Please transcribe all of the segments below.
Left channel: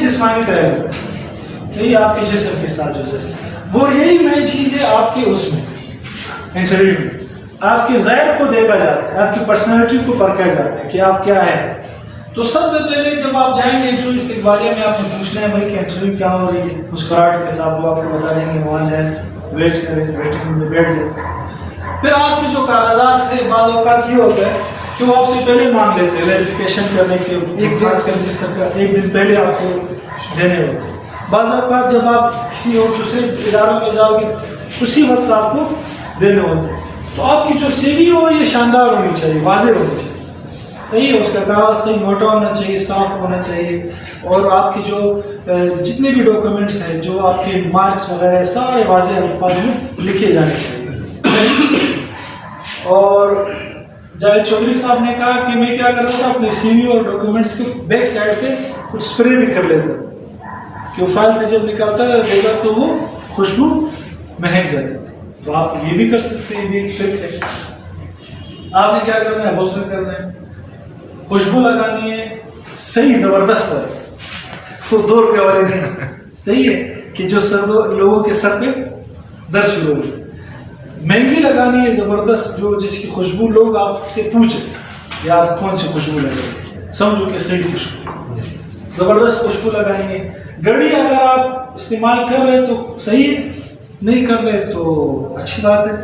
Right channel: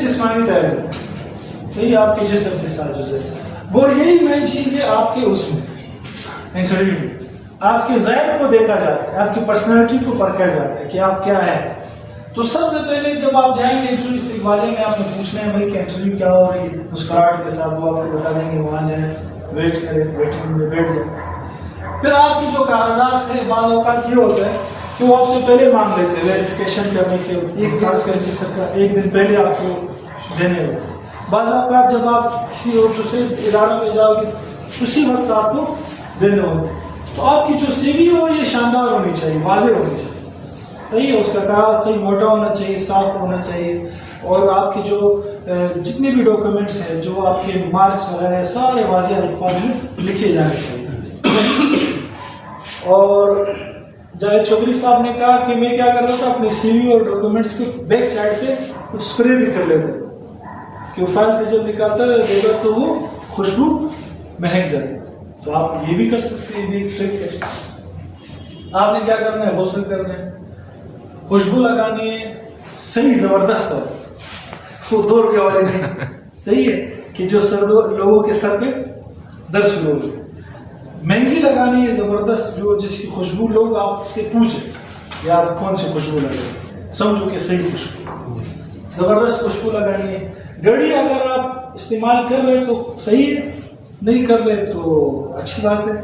جسمانی تعلق، یہی آپ کے جسم کے ساتھ جو وہ یہی مین چیز ہے آپ کی اس میں انٹرویو میں آپ کے ظاہر کو دیکھا جاتا ہے، آپ کی پرسنالٹی کو پرکھا جاتا ہے کہ آپ کیا ہے. تو سب سے پہلے جب آپ جائیں گے انٹرویو استقبالیہ میں، آپ نے پوچھنا ہے بھائی کہ انٹرویو کیا ہو رہی ہے، مسکراہٹ کے ساتھ وہ آپ کو بتا دیں گے، وہاں جائیں ویٹ کریں، ویٹنگ میں بیٹھ جائیں. پھر آپ کے جو کاغذات ہیں بعض اوقات یہ ہوتا ہے کہ وہ آپ سے پہلے مانگ لیتے ہیں ویریفیکیشن کرنے کے، خاص کر کے سرکار ایک دن پہلے آپ کو دینے ہوتے ہیں. بعض اوقات جب آپ کسی اور دوسرے اداروں میں جاؤ گے اسی وقت آپ کو دینے ہوتے ہیں. تو آپ کی جو سی وی ہو یہ شاندار ہونی چاہیے، واضح ہونی چاہیے، صحیح ہے، اس کا کاغذ صحیح موٹا ہونا چاہیے، صاف ہونا چاہیے، اور آپ کی جو جتنے بھی ڈاکومنٹس ہیں، جو آپ کے مارکس وغیرہ سارے واضح الفاظ میں لکھے جانے چاہیے. اور جاوید چودھری صاحب نے کہا کہ میں کیا کرتا تھا اپنی سی وی اور ڈاکومنٹس کے بیک سائڈ پہ کچھ اسپرے بھی کر لیتا کہ وہ فائل سے جب نکالتا ہے دیکھا تو وہ خوشبو مہک جاتی تھی. تو آپ یہ بھی کر سکتے ہیں، یہ بھی ایک ٹرک ہے. آپ نے کیا کرنا ہے، غسل کرنا ہے، خوشبو لگانی ہے صحیح زبردست پر، وہ 2 روپے والی نہیں، صحیح ہے کہ جو لوگوں کے سر پہ درد شروع ہو. مہنگی لگانی ہے زبردست، جو جس کی خوشبو لوگ آپ سے پوچھیں یا آپ کون سی خوشبو لگانی، سمجھو کہ صحیح خوشبو، زبردست خوشبو لگانی ہے. گھڑی اگر آپ استعمال کر رہے تو صحیح ہے، نہیں کر رہے تو اچھی بات ہے.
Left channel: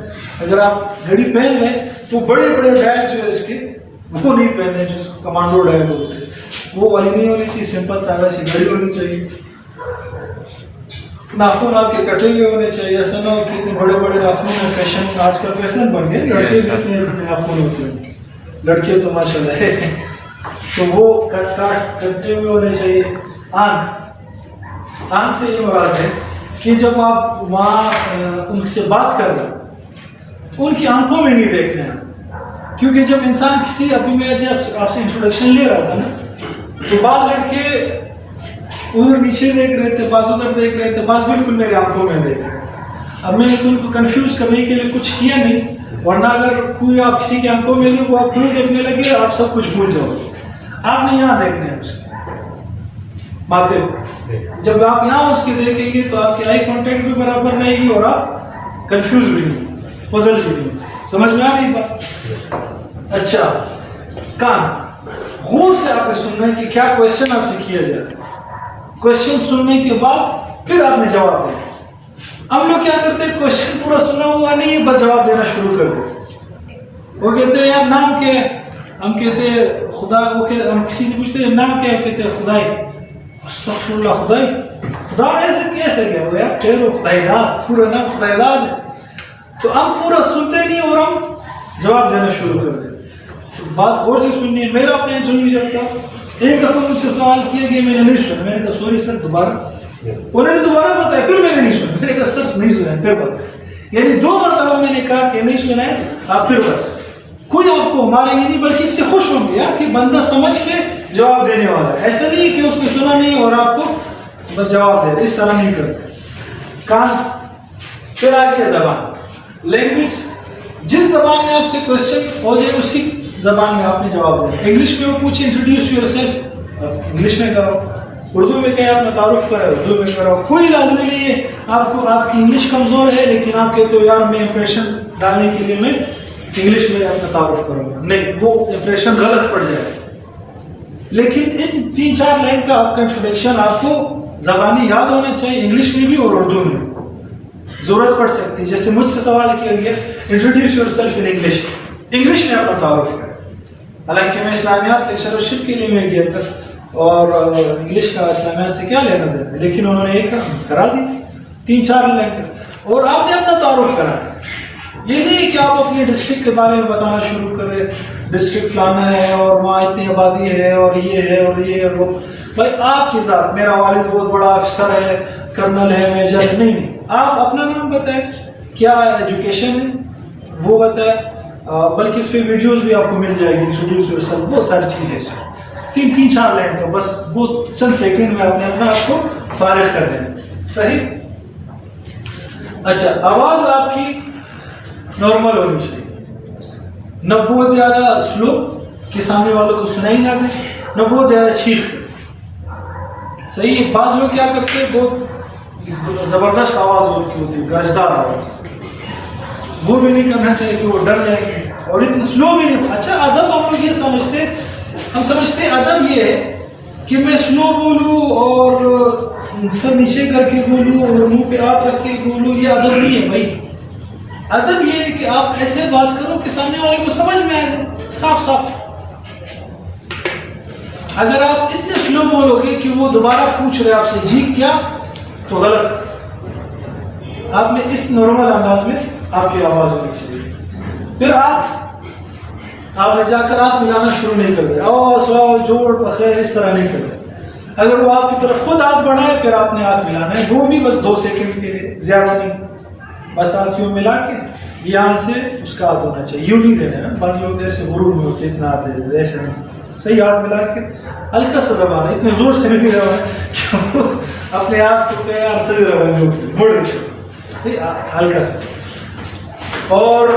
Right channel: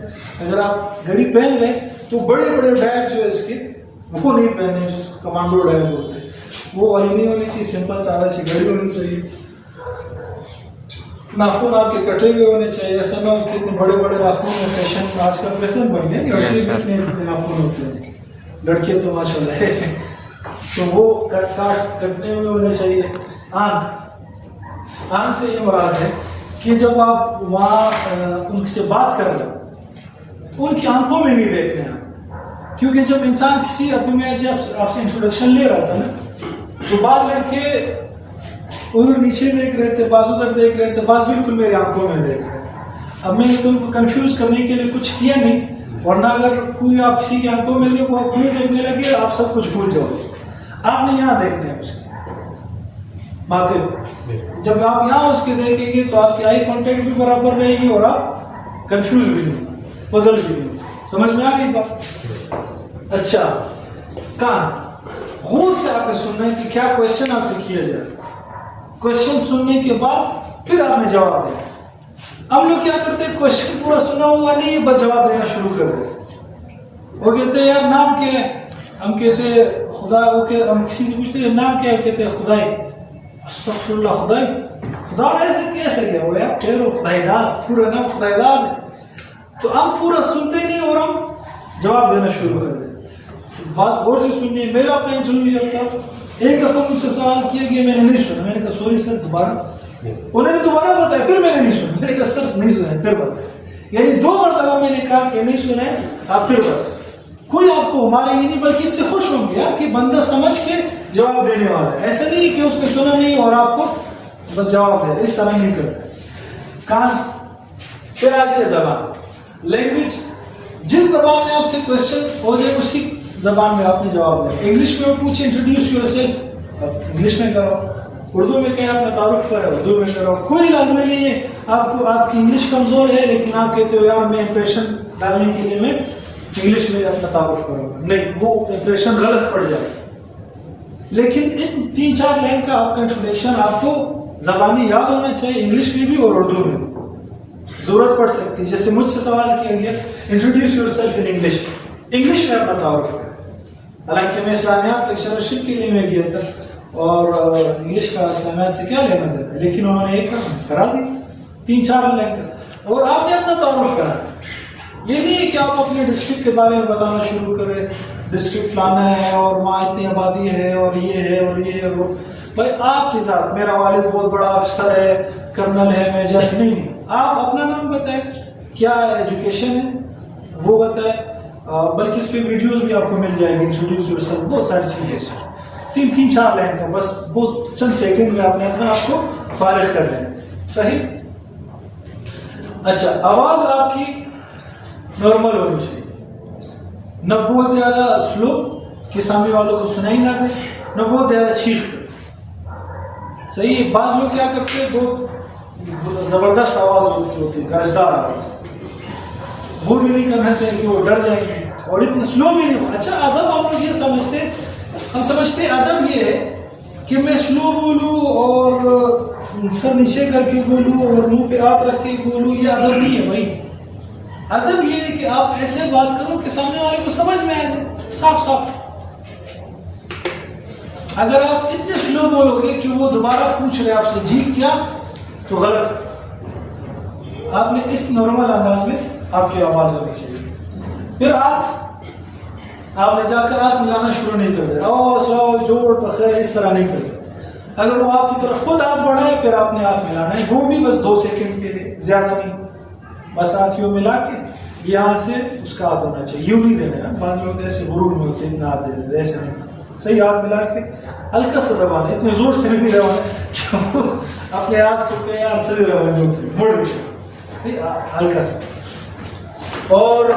اگر آپ گھڑی پہن لیں تو بڑے بڑے ڈائل جو ہے اس کے وہ نہیں پہننے، جو اس کو کمانڈو ڈائل ہوتے ہیں وہ والی نہیں ہونی چاہیے، سمپل سادہ سی گھڑی ہونی چاہیے. ناخن آپ کے کٹے ہوئے ہونے چاہیے، ایسا نہ ہو کہ اتنے بڑے بڑے ناخن میں فیشن، آج کل فیشن بن گئے، لڑکے بھی اتنے ناخن ہوتے ہیں، لڑکے تو ماشاء اللہ ہے، تو وہ کٹے ہوئے ہونے چاہیے. آنکھ سے یہ مراد ہے کہ جب آپ وہاں ان سے بات کر رہے تو ان کی آنکھوں میں نہیں دیکھنے ہیں، کیونکہ جب انسان کسی، ابھی میں جب آپ سے انٹروڈکشن لے رہا تھا نا، تو بعض لڑکے ادھر نیچے دیکھ رہے تھے، بعض ادھر دیکھ رہے تھے، بعض بالکل میرے آنکھوں میں دیکھ رہے تھے. اب میں نے ان کو کنفیوز کرنے کے لیے کچھ کیا نہیں، ورنہ اگر کوئی آپ کسی کی آنکھوں میں دیکھو آپ کوئی دیکھنے لگے آپ سب کچھ بھول جاؤ. آپ نے یہاں دیکھنا ہے اس کی باتیں. جب آپ یہاں اس کے دیکھیں گے تو آپ کی آئی کانٹیکٹ بھی برابر رہے گی اور آپ کنفیوز بھی نہیں، فضل بھی نہیں. سمجھ میں آ رہی بات؟ اچھا، کان غور سے آپ نے سننا ہے کہ کیا کوشچن آپ سے کیا جائے. کوشچن سننے کے بعد پھر آپ نے جواب دیں. ہم لوگ کیا کرتے ہیں، کوشچن پورا سنا ہوا نہیں بس جواب دینا شروع کر دیتے. وہ کہتے ہیں یار نام کیا ہے، ہم کہتے ہیں خدا، ہم کسی سے پوچھتے ہیں نام کیا ہے، کہتے ہیں خدائی. استغفر اللہ، خدائی، خدا ایسے کیسے گیا وہ یار، ٹھہرو، خدائی داد، پورا نام خدائی داد ہے. تو ہم پورا سنتے نہیں اور ہم جواب دینا شروع کر دیتے. بات غور سے سننی ہے. میرا اپنا انٹرویو چلتا ہے، ایک دفعہ مجھ سے سوال کیا گیا، میں نے نہیں سنا، میں نے کہا سوری سر دوبارہ، انہوں نے دوبارہ بتایا، پھر میں نے نہیں سنا، میں نے کہا سر نہیں سنا ہے، پھر بتایا. یعنی 2 مرتبہ میں نے کہا کہ نہیں سنا ہے، آپ پھر بتائیں. کوئی آپ کو ماریں گے نہیں بلکہ اس سے خوش ہوں گے کہ بندہ سمجھ کے جواب دینے والا ہے. ایسا نہیں کہ اس نے سنا نہیں اور آپ کو بس جواب دے رہے، اس طرح نہیں کرتے. کان، پھر آگے زبان، لینگویج. جس زبان میں آپ سے کوشچن ہو جائے اسی زبان میں آپ نے جواب دینا. انگلش میں وہ پوچھے انٹروڈیوس یور سیلف، آپ انگلش میں کرو. اردو میں کہیں اپنا تعارف کرے، اردو میں کرو. کوئی لازمی نہیں ہے آپ کو، آپ کی انگلش کمزور ہے لیکن آپ کہتے ہو یار میں امپریشن ڈالنے کے لیے میں انگلش میں اپنا تعارف کروں گا، نہیں، وہ امپریشن غلط پڑ جائے. لیکن ان 3-4 لائن کا آپ کا انٹروڈکشن آپ کو زبانی یاد ہونا چاہیے، انگلش میں بھی اور اردو میں ضرورت پڑ سکتی ہے. جیسے مجھ سے سوال کیا گیا introduce your self in English, English میں اپنا تعارف کریں. حالانکہ میں اسلامیات لیکچرشپ کے لیے میں گیا تھا اور انگلش کا اسلامیات سے کیا لینا دینا، لیکن انہوں نے ایک کام کرا دی 3-4 لائن کا، اور آپ نے اپنا تعارف کرا. یہ نہیں کہ آپ اپنے ڈسٹرکٹ کے بارے میں بتانا شروع کریں، ڈسٹرکٹ فلانا ہے اور وہاں اتنی آبادی ہے اور یہ ہے اور یہ ہے. بھائی آپ کی ذات، میرا والد بہت بڑا افسر ہے، کرنل ہے، میجر ہے، نہیں، آپ اپنا نام بتائیں، کیا ایجوکیشن ہے وہ بتائیں. بلکہ اس پہ ویڈیوز بھی آپ کو مل جائے گی، انٹروڈیوس یور سیلف، بہت ساری چیزیں اس میں 3-4 لائن کا، بس بہت چند سیکنڈ میں آپ نے اپنا آپ کو فارغ کر دیں. صحیح. اچھا، آواز آپ کی نارمل ہونی چاہیے، نہ بہت زیادہ سلو کہ سامنے والوں کو سنائی نہ دے، نہ بہت زیادہ چیخ. صحیح ہے. بعض لوگ کیا کرتے ہیں, بہت زبردست آواز ان کی ہوتی ہے, گرجدار آواز, وہ بھی نہیں کرنا چاہیے کہ وہ ڈر جائیں گے, اور اتنا سلو بھی نہیں. اچھا ادب آپ لوگ یہ سمجھتے, ہم سمجھتے ہیں ادب یہ ہے کہ میں سلو بولوں اور سر نیچے کر کے بولوں اور منہ پہ ہاتھ رکھ کے بولوں, یہ ادب نہیں ہے بھائی. ادب یہ ہے کہ آپ ایسے بات کرو کہ سامنے والے کو سمجھ میں آ جائے صاف صاف. اگر آپ اتنے سلو بولو گے کہ وہ دوبارہ پوچھ رہے آپ سے جی کیا, تو غلط. آپ نے اس نارمل انداز میں آپ کی آواز ہونی چاہیے. پھر آپ نے جا کر ہاتھ ملانا شروع نہیں کر دیا, سلاؤ جوڑ بخیر اس طرح نہیں کر دیا. اگر وہ آپ کی طرف خود ہاتھ بڑھائے پھر آپ نے ہاتھ ملانا ہے, وہ بھی بس 2 سیکنڈ کے لیے, زیادہ نہیں. بس ہاتھیوں ملا کے یہاں سے اس کا ہاتھ ہونا چاہیے, یوں نہیں دینا ہے. بعض لوگ ایسے غرور میں ہوتے اتنا ہاتھ دے دیتے, ایسے نہیں. صحیح ہاتھ ملا کے ہلکا سا دبانا, اتنے زور سے نہیں دبانا اپنے ہاتھ کو پیار سے مڑ دیتے, ہلکا سا. اور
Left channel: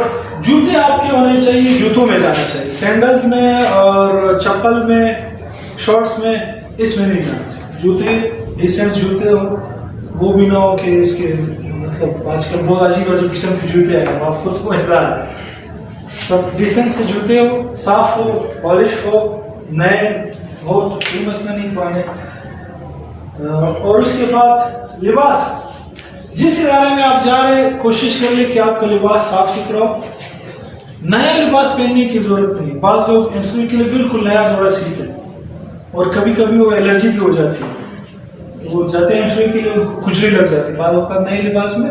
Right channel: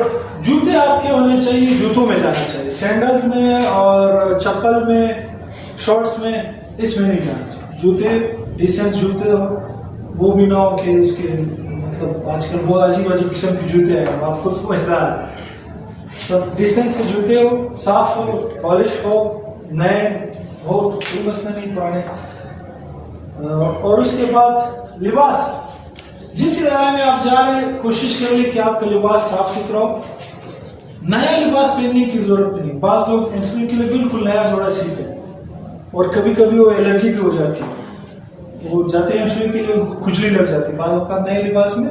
جوتے آپ کے ہونے چاہیے, جوتوں میں جانا چاہیے, سینڈلز میں اور چپل میں, شارٹس میں, اس میں نہیں جانا چاہیے. جوتے ڈیسنٹ جوتے ہو, وہ بھی نہ ہو کہ اس کے مطلب آج کل بہت عجیب عجیب قسم کے جوتے ہیں, آپ خود سمجھدار ہیں. سب ڈیسنٹ سے جوتے ہو, صاف ہو, پالش ہو, نئے ہو تو کوئی مسئلہ نہیں, پرانے. اور اس کے بعد لباس, جس ادارے میں آپ جا رہے ہیں کوشش کر لیں کہ آپ کا لباس صاف ستھرا ہو. نیا لباس پہننے کی ضرورت نہیں. بعض لوگ انٹرویو کے لیے بالکل نیا جوڑا سیتے ہیں اور کبھی کبھی وہ الرجی بھی ہو جاتی ہے, وہ جاتے ہیں انٹرویو کے لیے ان کو کھجلی لگ جاتی ہے. بعض اوقات نئے لباس میں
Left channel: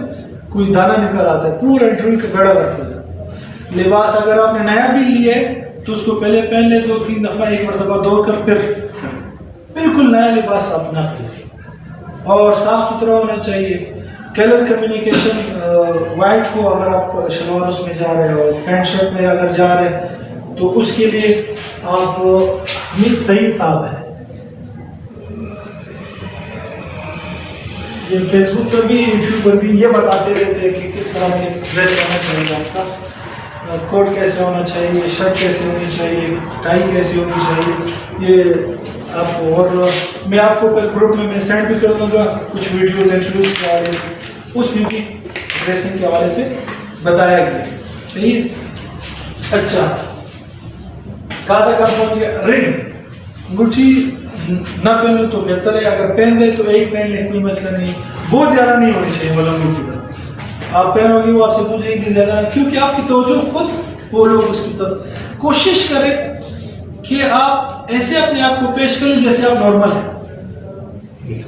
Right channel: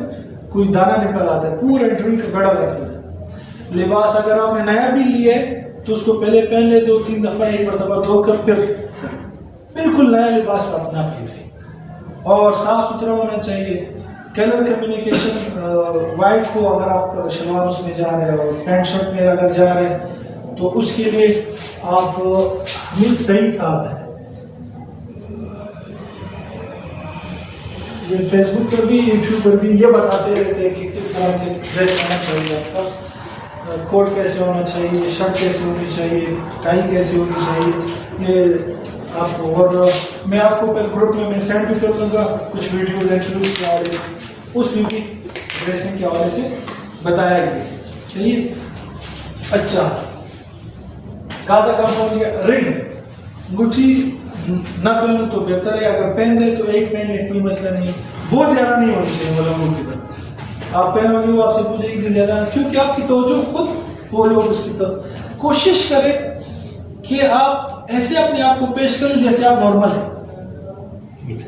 کوئی دانہ نکل آتا ہے, پورا انٹرویو کا گڑا کر دیا. لباس اگر آپ نے نیا بھی لیا ہے تو اس کو پہلے پہن لے 2-3 دفعہ, ایک مرتبہ دھو کر پھر بالکل نیا لباس آپ نہ پہنیں, اور صاف ستھرا ہونا چاہیے. کلر کمیونیکیشن وائٹ ہو اگر آپ شلوار اس میں جا رہے ہو, پینٹ شرٹ میں اگر جا رہے ہیں تو اس کے لیے آپ حمید سعید صاحب ہیں, یہ فیس بک پر بھی یوٹیوب پر بھی یہ بتاتے رہتے ہیں کہ کس طرح کے ڈریس ہونا چاہیے, آپ کا کوٹ کیسے ہونا چاہیے, شرٹ کیسے ہونی چاہیے, ٹائی کیسے ہونی چاہیے. یہ آپ کو, اور میں آپ کو گروپ میں سینڈ بھی کر دوں گا کچھ ویڈیوز انٹرویوز کے حوالے سے, اس میں بھی ڈریسنگ کے حوالے سے بتایا گیا. صحیح. اچھا کہاں تک آپ پہنچ گئے؟ رنگ, انگوٹھی نہ پہنو تو بہتر ہے, اگر پہن لے تو ایک پہن لے, کوئی مسئلہ نہیں. بہت زیادہ نہیں ہونی چاہیے ملنگوں کی طرح. آپ پہنو گے وہ آپ سے پوچھے گی زیادہ, کیونکہ آپ کی توجہ خود وہ لوگ اس کی طرف. کوشش کریں کہ آپ ایسے اپنے آپ کو پیش کریں جیسے آپ نارمل ہیں,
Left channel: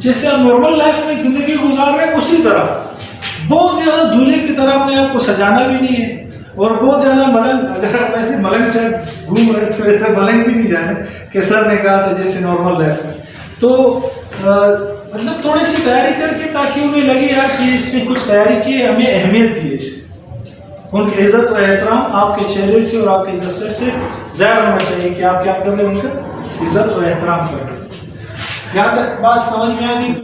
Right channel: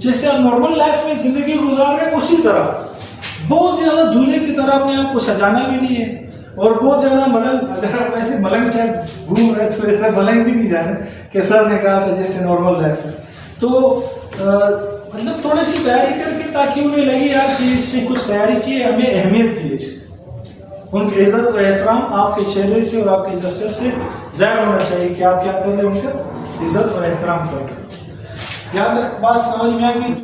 جیسے آپ نارمل لائف میں زندگی گزار رہے ہیں اسی طرح. بہت زیادہ دولہے کی طرح اپنے آپ کو سجانا بھی نہیں ہے, اور بہت زیادہ ملنگ, اگر آپ ایسے ملنگ ٹائپ گھوم رہے تو ایسا ملنگ بھی نہیں جانے کہ سر نے کہا تھا جیسے نارمل لائف میں. تو مطلب تھوڑی سی تیاری کر کے, تاکہ انہیں لگے یار کہ اس نے کچھ تیاری کی, ہمیں اہمیت دی ہے. ان کی عزت اور احترام آپ کے چہرے سے اور آپ کے جسد سے ظاہر ہونا چاہیے کہ آپ کیا کر رہے ہیں, ان کا عزت اور احترام کر رہے ہیں. جہاں تک بات سمجھ میں آ گئی.